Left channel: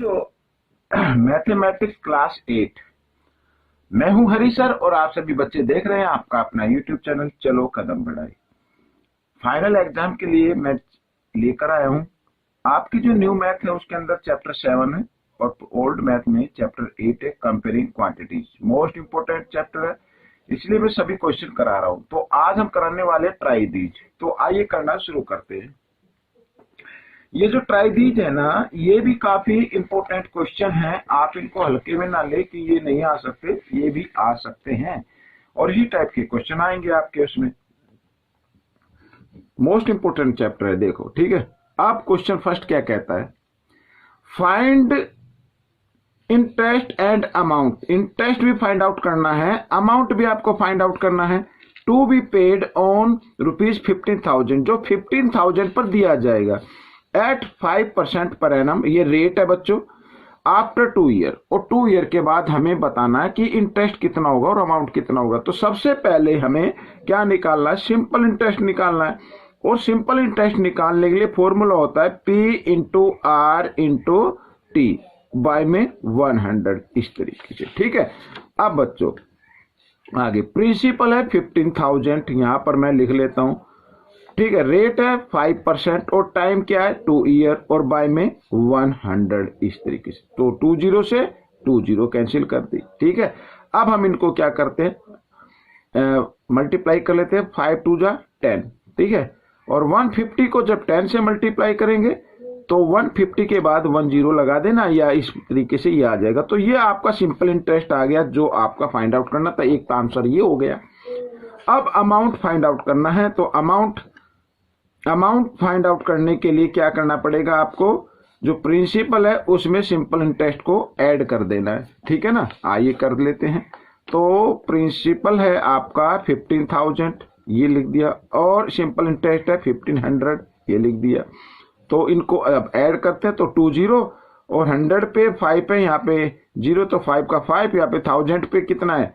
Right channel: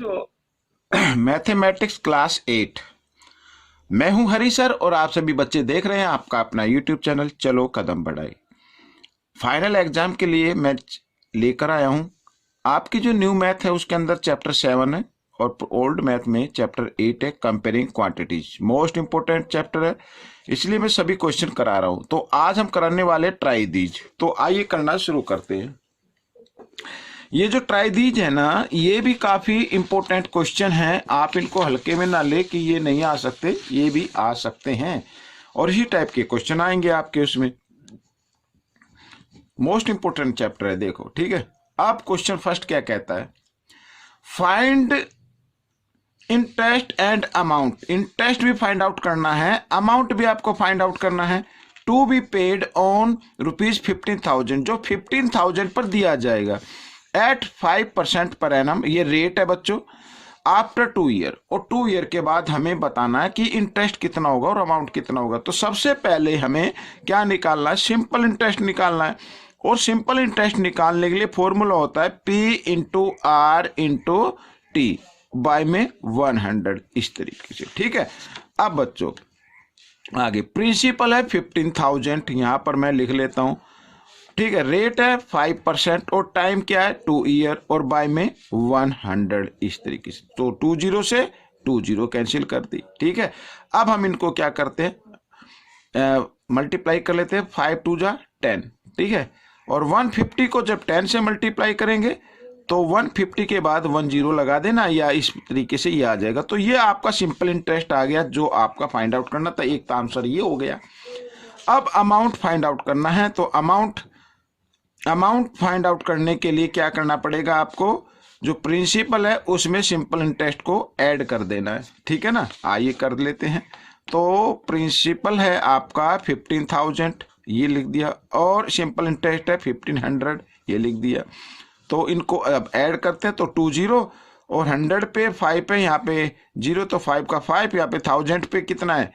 जो mathematics class 8। मैं हूं हरी सर और आप सभी बच्चे देख रहे हैं आपका अपना यूट्यूब चैनल चलो कदम बढ़ाई। फाइनल एग्जाम के लिए मैं लेकर आया हूं आपकी जो न्यू मैथ है उसके अंदर चैप्टर 7 है और ओल्ड मैथ में चैप्टर 8 है, comparing quantities. Most important chapter है, इसलिए मैं सभी क्वेश्चन करा रहा हूं। तो आज हम कराने वाले ट्राई दीज। तो आइए करना शुरू करते हैं। ये जो ट्राई दीज है ना, ये भी काफी इंपॉर्टेंट क्वेश्चन है। आप इनको हल्के में ना ले कि ये नहीं आ सकते, ये भी आ सकते हैं और इसी टाइप के क्वेश्चन आएंगे आपके उसमें। मोस्ट इंपोर्टेंट चैप्टर है, देखो ठीक है। अब क्वेश्चन फर्स्ट क्या कहता है, find interest and amount. Interest भी फाइंड आउट करना है, अमाउंट भी आपको फाइंड आउट करना है। टू बी पेड ऑन ₹15,000, जो 15,000 पर दिया जाएगा एट 5% पर एनम। ये रेट है बच्चों आफ्टर 2 ईयर, और 2 ईयर के बाद हमें बताना है कि इंटरेस्ट कितना होगा और अमाउंट कितना होगा। तो सबसे पहले हमें क्या निकालना है, सिंपल इंटरेस्ट निकालना है। और सिंपल इंटरेस्ट निकालने के लिए फॉर्मूला होता है P into R into T by में 100, इस तरीके से, ठीक है। अब बच्चों आगे प्रिंसिपल है 15,000, यहां पर मैं लिख लेता हूं, ठीक है। रेट है 5% और टाइम क्या है 2 ईयर और बाय में 100, इस तरीके से। तो 20 से 20 कैंसिल कर दी, ठीक है। अब हम इनको क्या करते हैं, मल्टीप्लाई कर लेते हैं। 5 2 जा 10, ठीक है। और 150 को जब 10 से मल्टीप्लाई करेंगे तो 150 के बाद 10 लगा देना, या इस तरीके से ये आ जाएगा। तो ये आपका सिंपल इंटरेस्ट आ गया जो आपका फाइंड आउट करना था। एक तो आंसर ये हो गया। अब अमाउंट फाइंड आउट करना है। तो अमाउंट फाइंड आउट करने के लिए क्या करना पड़ेगा आपको, जो प्रिंसिपल है उसमें सिंपल इंटरेस्ट को ऐड कर देना है, ठीक है ना। आइए कर लेते हैं। तो प्रिंसिपल है आपका 15,000, ये लिख दिया, और सिंपल इंटरेस्ट है 1500, ये लिख दिया। तो इनको अब ऐड करते हैं तो 20 और 100 पे 5 है, यहाँ पे 0, तो 5 का 5, यहाँ पे 1000 पे कितना है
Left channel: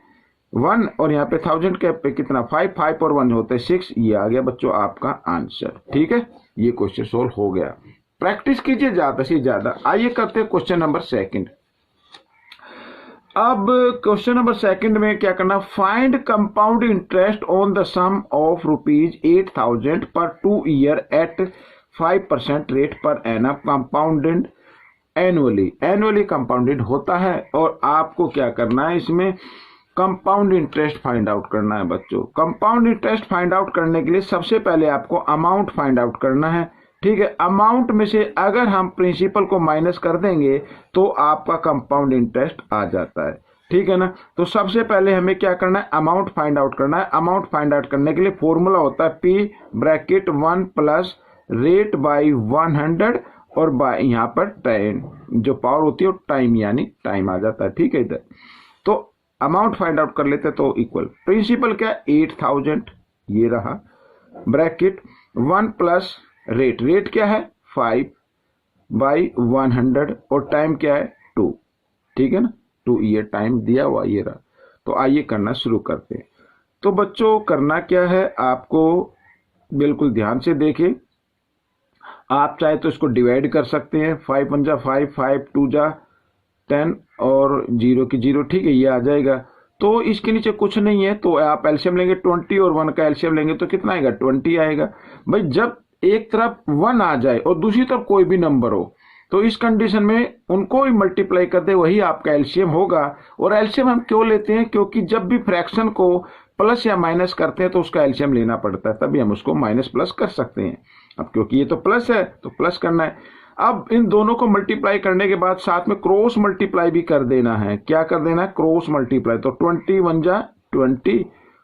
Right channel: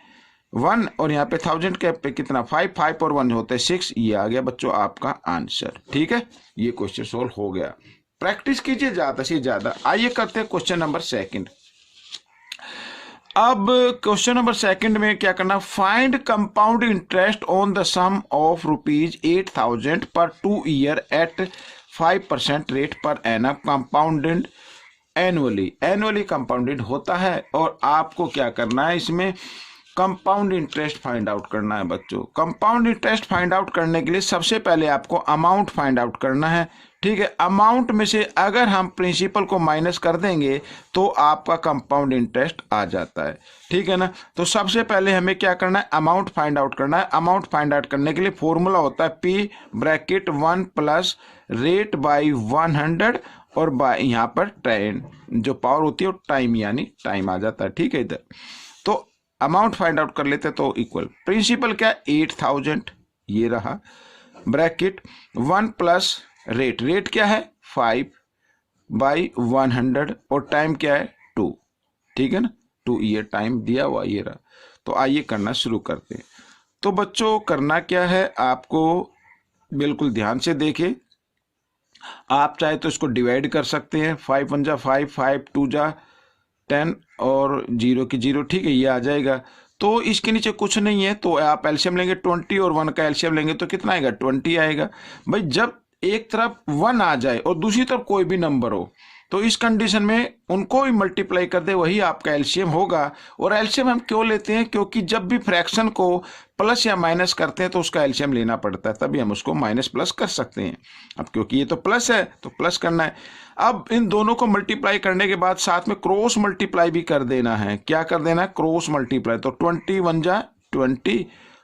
1, और यहाँ पे 1000 के पे कितना 5, 5 और 1 होते हैं 6। ये आ गया बच्चों आपका आंसर, ठीक है। ये क्वेश्चन सोल्व हो गया। प्रैक्टिस कीजिए ज्यादा से ज्यादा। आइए करते हैं क्वेश्चन नंबर 2। अब क्वेश्चन नंबर 2 में क्या करना, find compound interest on the sum of ₹8,000 पर 2 year at 5% rate per annum, compounded annually compounded होता है। और आपको क्या करना है, इसमें कंपाउंड इंटरेस्ट फाइंड आउट करना है बच्चों। कंपाउंड इंटरेस्ट फाइंड आउट करने के लिए सबसे पहले आपको अमाउंट फाइंड आउट करना है, ठीक है। अमाउंट में से अगर हम प्रिंसिपल को माइनस कर देंगे तो आपका कंपाउंड इंटरेस्ट आ जाता है, ठीक है ना। तो सबसे पहले हमें क्या करना है, अमाउंट फाइंड आउट करना है। अमाउंट फाइंड आउट करने के लिए फॉर्मूला होता है P bracket 1 plus rate by 100 और बाय यहाँ पर टाइम, जो पावर होती है वो टाइम, यानी टाइम आ जाता है, ठीक है। इधर तो अमाउंट फाइंड आउट कर लेते तो इक्वल प्रिंसिपल क्या 8000, ये रहा, ब्रैकेट 1 प्लस रेट क्या है 5 बाई 100 और टाइम क्या है 2, ठीक है ना। 2 ईयर टाइम दिया हुआ, ये रहा। तो आइए करना शुरू करते हैं। तो बच्चों करना क्या है, आपको बिल्कुल ध्यान से देखें। आप चाहे तो इसको डिवाइड कर सकते हैं, 5 1 जा 5, 5 2 जा 10 और 0 की 0, ठीक है, ये आ जाएगा। तो इसके नीचे कुछ नहीं है, तो आप एलसीएम लेंगे 20 और 1 का एलसीएम लेंगे तो कितना आएगा 20 आएगा। भाई जब एक तरफ 1 आ जाए और दूसरी तरफ कोई भी नंबर हो तो इस कंडीशन में उनको भी मल्टीप्लाई कर दे, वही आपका एलसीएम होगा। और एलसीएम हम क्यों लेते हैं, क्योंकि जब भी फ्रैक्शन को प्लस या माइनस करते हैं तो उसका एलसीएम लेना पड़ता है, तभी हम उसको माइनस प्लस कर सकते हैं। अब क्योंकि ये तो प्लस है तो प्लस करना है। अब इन दोनों को मल्टीप्लाई करने के बाद साथ में क्रॉस मल्टीप्लाई भी कर देना है। क्या कर देना है, क्रॉस मल्टीप्लाई। तो 20 1 जा 20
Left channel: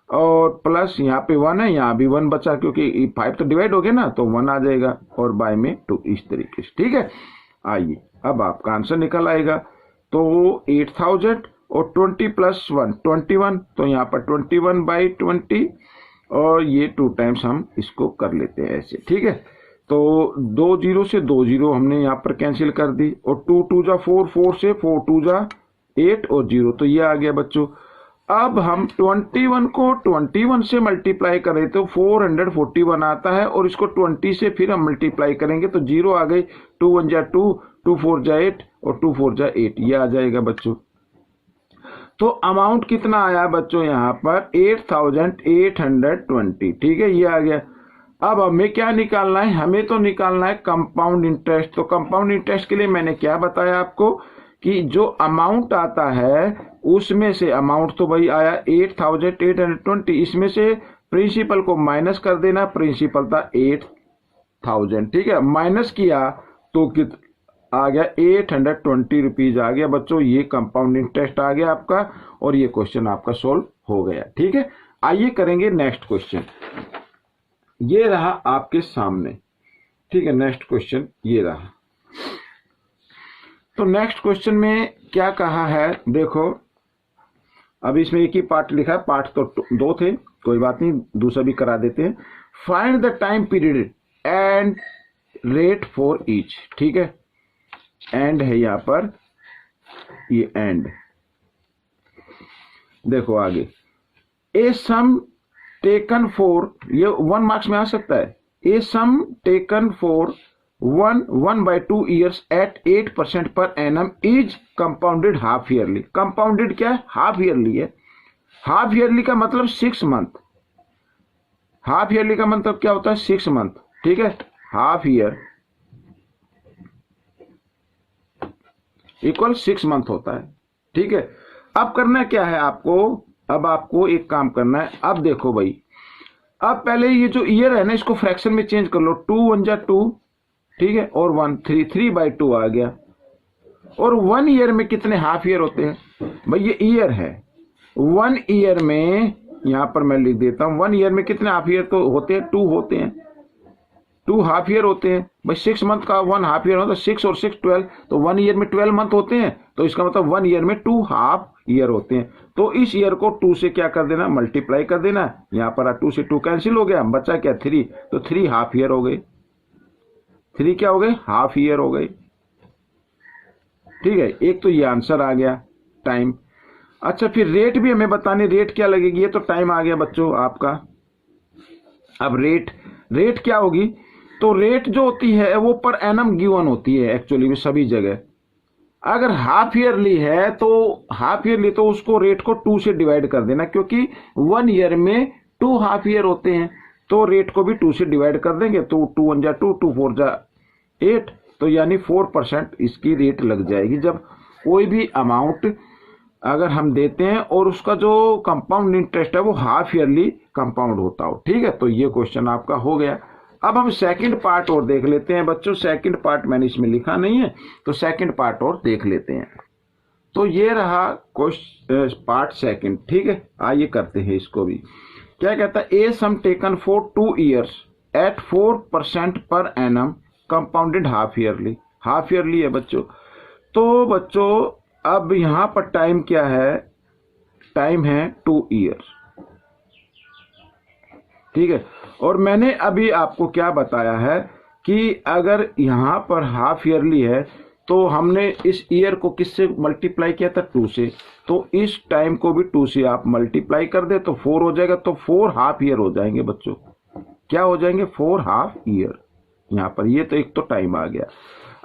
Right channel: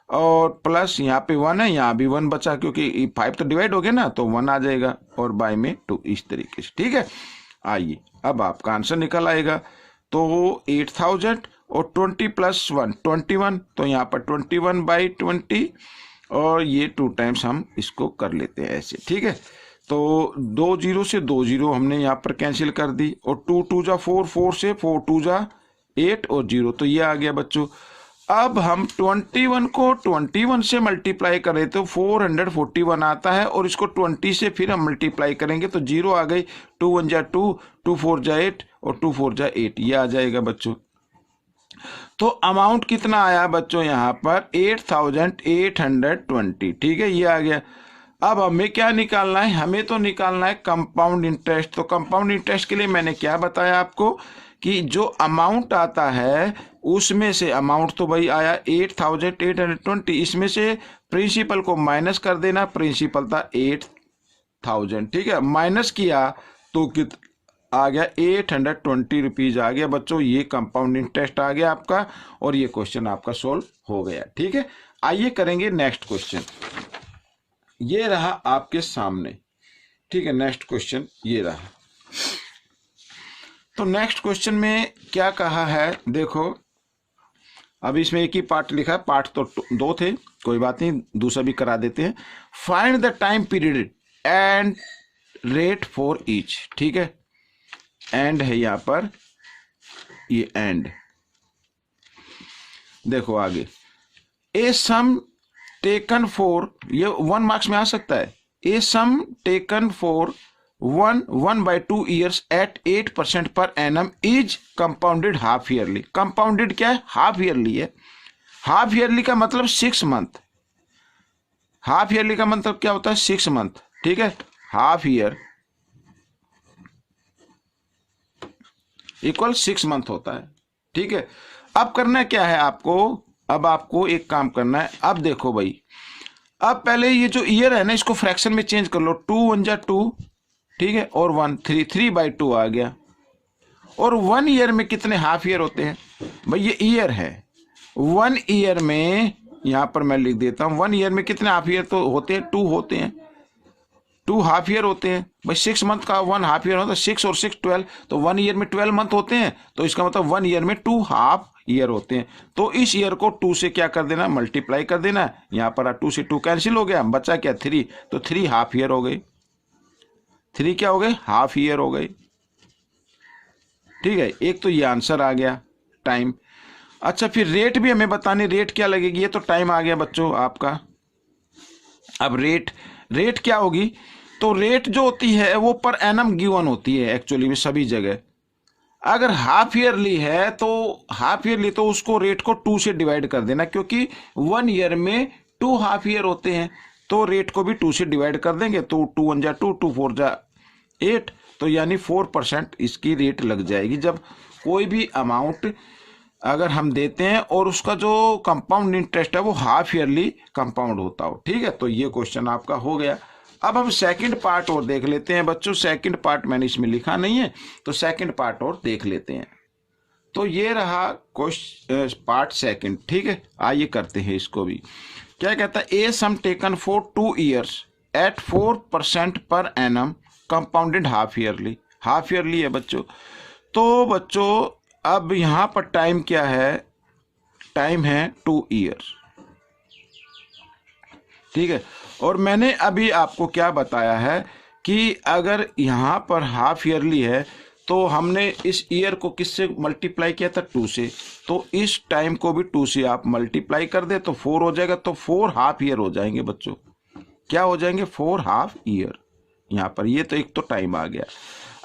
और प्लस यहाँ पे 1 है, यहाँ भी 1 बचा क्योंकि 5 तो डिवाइड हो गया ना, तो 1 आ जाएगा और बाय में 2, इस तरीके से, ठीक है। आइए अब आपका आंसर निकल आएगा। तो 8000 और 20 प्लस 1 21, तो यहाँ पर 21 बाई 20 और ये 2 टाइम्स हम इसको कर लेते हैं ऐसे, ठीक है। तो 2 0 से 2 0 हमने यहाँ पर कैंसिल कर दी, और 2 2 जा 4, 4 से 4 2 जा 8 और 0, तो ये आ गया बच्चों। अब हम 21 को 21 से मल्टीप्लाई करें तो 441 आता है, और इसको 20 से फिर हम मल्टीप्लाई करेंगे तो 0 आ गई, 2 1 जा 2, 2 4 जा 8 और 2 4 जा 8, ये आ जाएगा बच्चों। तो अमाउंट कितना आया बच्चों यहाँ पर 8820, ठीक है, ये आ गया। अब हमें क्या निकालना है, हमें तो निकालना है कंपाउंड इंटरेस्ट। तो कंपाउंड इंटरेस्ट के लिए मैंने क्या बताया आपको कि जो अमाउंट आता है उसमें से, अमाउंट तो भाई आया 8820, इसमें से प्रिंसिपल को माइनस कर देना, प्रिंसिपल था 8000, ठीक है, माइनस किया तो कित आ गया 820 रुपीज आ गया बच्चों। ये कंपाउंड इंटरेस्ट आ गया आपका और ये क्वेश्चन आपका सोल्व हो गया, ठीक है। आइए करेंगे नेक्स्ट क्वेश्चन, ये रहा आपके सामने, ठीक है। नेक्स्ट क्वेश्चन ये रहा। तो नेक्स्ट क्वेश्चन में क्या कहा है देखो, अब इसमें एक ही पार्ट लिखा है, पार्ट तो 2 थे, कोई बात नहीं, दूसरा भी करा देते हैं। Find the time period and rate for each, ठीक है, एंड है यहां पर, ये एंड देखो आगे। ए सम टेकन फॉर, ये 1 मार्क्स में आ सकता है। A sum taken for 1/2 years at 8% per annum is compounded half yearly. Compounded क्या है, हाफ ईयरली है। हाफ ईयरली का मतलब 6 मंथ, हाफ ईयरली का मतलब क्या होता है 6 मंथ, ठीक है। हाफ ईयर इक्वल 6 मंथ होता है, ठीक है। अब करना क्या है आपको, अब आपको एक काम करना है। अब देखो भाई, अब पहले ये जो ईयर है ना इसको फ्रैक्शन में चेंज कर लो, 2 1 जा 2, ठीक है, और 1 3/2 आ गया। और 1 ईयर में कितने हाफ ईयर होते हैं भाई, ये ईयर है। 1 ईयर में यहां पर मैं लिख देता हूं, 1 ईयर में कितने हाफ ईयर तो होते हैं, 2 होते हैं, 2 हाफ ईयर होते हैं भाई। 6 मंथ का 1 हाफ ईयर होता है, 6 और 6 12, तो 1 ईयर में 12 मंथ होते हैं, तो इसका मतलब 1 ईयर में 2 हाफ ईयर होते हैं। तो इस ईयर को 2 से क्या कर देना, मल्टीप्लाई कर देना। यहां पर 2 से 2 कैंसिल हो गया, बचा क्या 3, तो 3 हाफ ईयर हो गए। 3 क्या हो गए, हाफ ईयर हो गए, ठीक है। एक तो ये आंसर आ गया टाइम। अच्छा फिर रेट भी हमें बतानी, रेट क्या लगेगी, ये तो टाइम आ गया बच्चों आपका। अब रेट क्या होगी, तो रेट जो होती है वो पर एनम गिवन होती है एक्चुअली में सभी जगह। अगर हाफ ईयरली है तो हाफ ईयरली तो उसको रेट को 2 से डिवाइड कर देना, क्योंकि 1 ईयर में 2 हाफ ईयर होते हैं, तो रेट को भी 2 से डिवाइड कर देंगे, तो 2 1 जा 2, 2 4 जा 8, तो यानी 4% इसकी रेट लग जाएगी। जब कोई भी अमाउंट अगर हम देते हैं और उसका जो कंपाउंड इंटरेस्ट है वो हाफ ईयरली कंपाउंड होता हो, ठीक है। तो ये क्वेश्चन आपका हो गया। अब हम सेकंड पार्ट और देख लेते हैं बच्चों। सेकंड पार्ट मैंने इसमें लिखा नहीं है, तो सेकंड पार्ट और देख लेते हैं। तो ये रहा क्वेश्चन पार्ट सेकंड, ठीक है। आइए करते हैं इसको भी। क्या कहता है, a sum taken for 2 years at 4% per annum compounded half yearly. Half yearly है बच्चों। तो बच्चों अब यहां पर टाइम क्या है, टाइम है 2 ईयर्स, ठीक है। और मैंने अभी आपको क्या बताया है कि अगर यहां पर हाफ ईयरली है तो हमने इस ईयर को किससे मल्टीप्लाई किया था, 2 से, तो इस टाइम को भी 2 से आप मल्टीप्लाई कर दे तो 4 हो जाएगा, तो 4 हाफ ईयर हो जाएंगे बच्चों। क्या हो जाएंगे, 4 हाफ ईयर यहां पर। ये तो एक तो टाइम आ गया।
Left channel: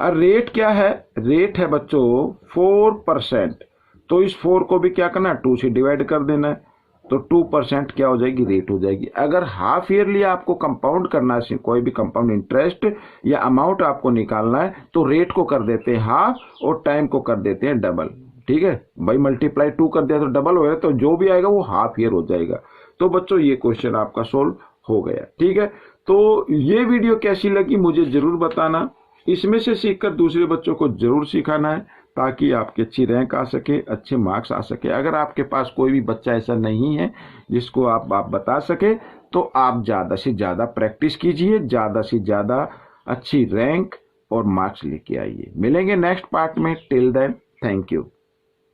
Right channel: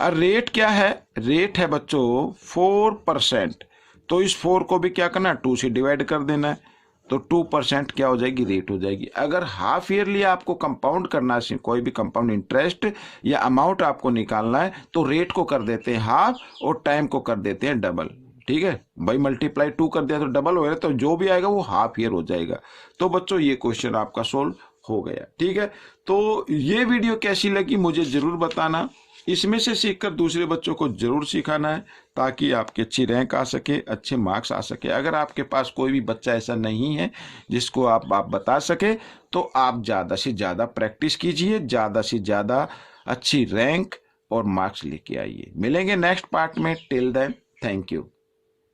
और रेट क्या है, रेट है बच्चों 4%, तो इस 4 को भी क्या करना है 2 से डिवाइड कर देना है, तो 2% क्या हो जाएगी, रेट हो जाएगी। अगर हाफ ईयरली आपको कंपाउंड करना है, कोई भी कंपाउंड इंटरेस्ट या अमाउंट आपको निकालना है, तो रेट को कर देते हैं हाफ और टाइम को कर देते हैं डबल, ठीक है भाई। मल्टीप्लाई 2 कर दिया तो डबल हो गया, तो जो भी आएगा वो हाफ ईयर हो जाएगा। तो बच्चों ये क्वेश्चन आपका सोल्व हो गया, ठीक है। तो ये वीडियो कैसी लगी मुझे जरूर बताना, इसमें से सीखकर दूसरे बच्चों को जरूर सिखाना है, ताकि आपकी अच्छी रैंक आ सके, अच्छे मार्क्स आ सके। अगर आपके पास कोई भी बच्चा ऐसा नहीं है जिसको आप बता सके, तो आप ज़्यादा से ज़्यादा प्रैक्टिस कीजिए, ज़्यादा से ज़्यादा अच्छी रैंक और मार्क्स लेके आइए। मिलेंगे नेक्स्ट पार्ट में, टिल देन थैंक यू।